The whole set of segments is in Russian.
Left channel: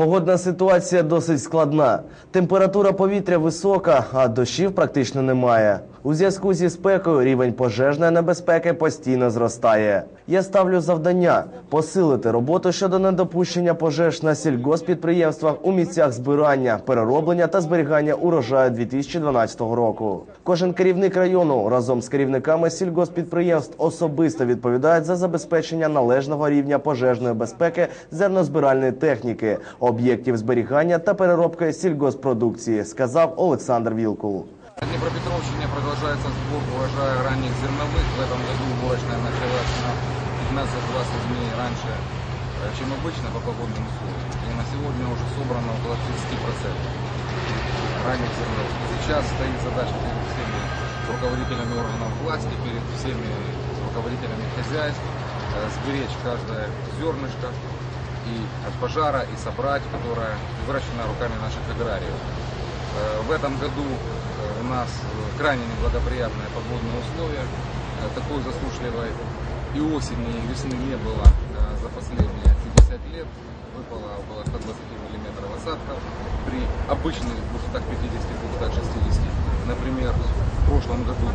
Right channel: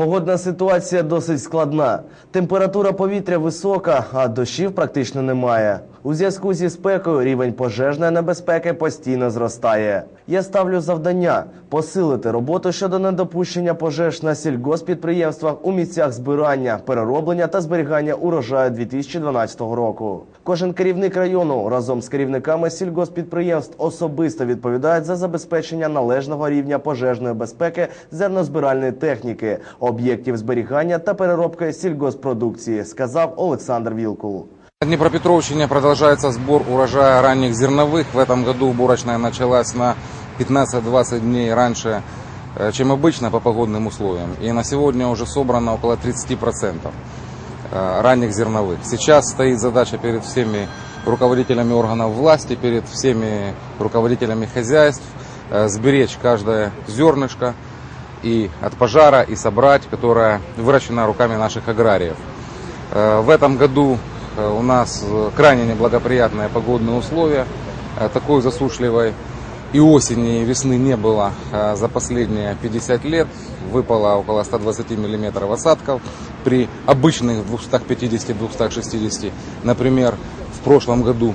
Погодна ситуація досить складна. Температура повітря висока, а дощів практично немає. У зв'язку зі спекою рівень пожежної небезпеки постійно зростає. Я ставлю завдання посилити роботу щодо недопущення пожеж на сільгоспідприємствах у місцях збирання, перероблення та зберігання урожаю 2012 року. Кожен керівник району разом з керівниками сільгоспідприємств особисто відповідають за забезпечення належного рівня пожежної безпеки зернозбиральної техніки, об'єктів зберігання та переробки сільгоспродукції, сказав Олександр Вілкул. На Днепропетровщине продолжается сбор урожая ранних зерновых. В этом году уборочная началась на 15-20 дней раньше, э, чем обычно по погодным условиям. И на сегодня уже собрано около 30% э, ранних зерновых. Сейчас стоит задача перед всеми руководителями органов власти, перед всеми руководителями хозяйств э, сберечь каждое зернышко и от пожара, и собрать, которое выращено руками наших аграриев. В этом году у нас э, крайне неблагоприятные погодные условия. Э, Такой засушливой и осени, и весны не было э, за последние 50 лет. Выпало около 120 миллиметров осадков при обычных 250-260. Например, в прошлом году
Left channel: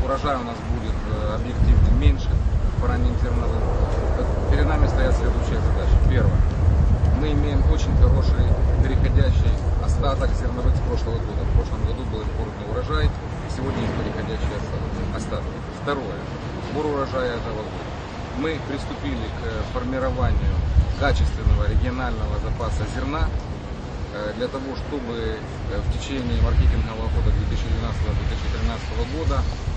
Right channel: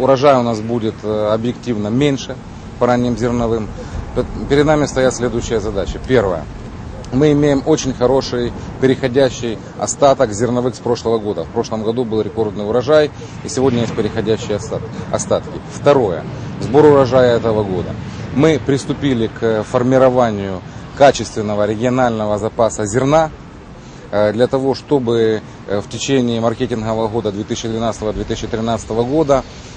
урожай у нас будет э, объективно меньше по ранним зерновым. Пе- Перед нами стоят следующие задачи. Первое. Мы имеем очень хороший переходящий остаток зерновых с прошлого года. В прошлом году был рекордный урожай, и сегодня есть переходящие остат- остатки. Второе. Сбор урожая этого года. Мы приступили к формированию качественного регионального запаса зерна э, для того, чтобы э, в течение маркетингового года 2012-2013 года э,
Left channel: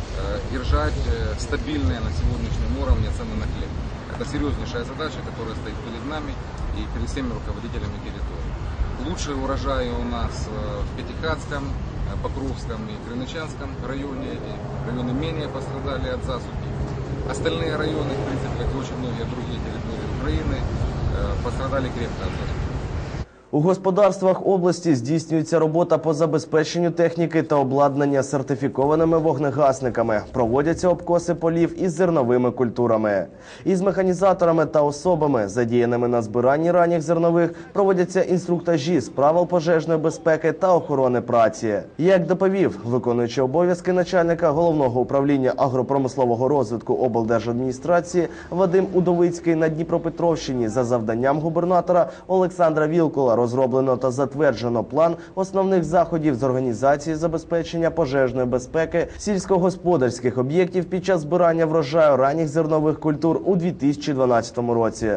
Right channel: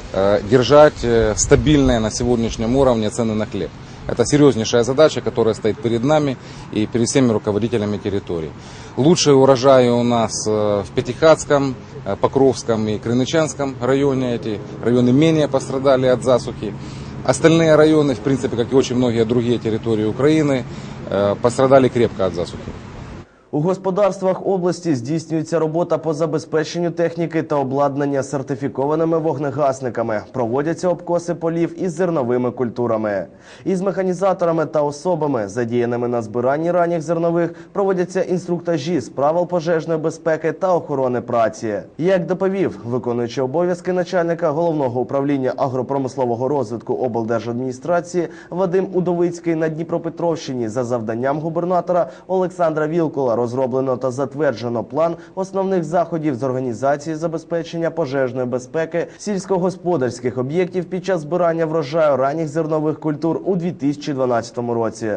держать э, стабильные на сегодняшнем уровне цены на хлеб. Это серьезнейшая задача, которая стоит перед нами и перед всеми руководителями территорий. Лучшие урожаи у нас э, в Пятихатском, э, Покровском и Крынычанском районе. Эти районы менее пострадали от засухи. Остальные районы, в принципе, как и очень многие другие территории Украины, э, пострадали крепко от засухи. У господарствах області здійснюється робота по забезпеченню техніки та обладнання сертифікованими вогнегасниками. Проводяться обкоси полів із зерновими культурами. Із механізаторами та особами, задіяними на збиранні ранніх зернових, проводяться інструктажі з правил пожежної безпеки та охорони праці. Як доповів виконуючий обов'язки начальника головного управління агропромислового розвитку облдержадміністрації Вадим Удовицький на Дніпропетровщині за завданням губернатора Олександра Вілкула розроблено та затверджено план основних заходів з організації забезпечення пожежної безпеки сільськогосподарських об'єктів під час збирання врожаю ранніх зернових культур у 2012 році.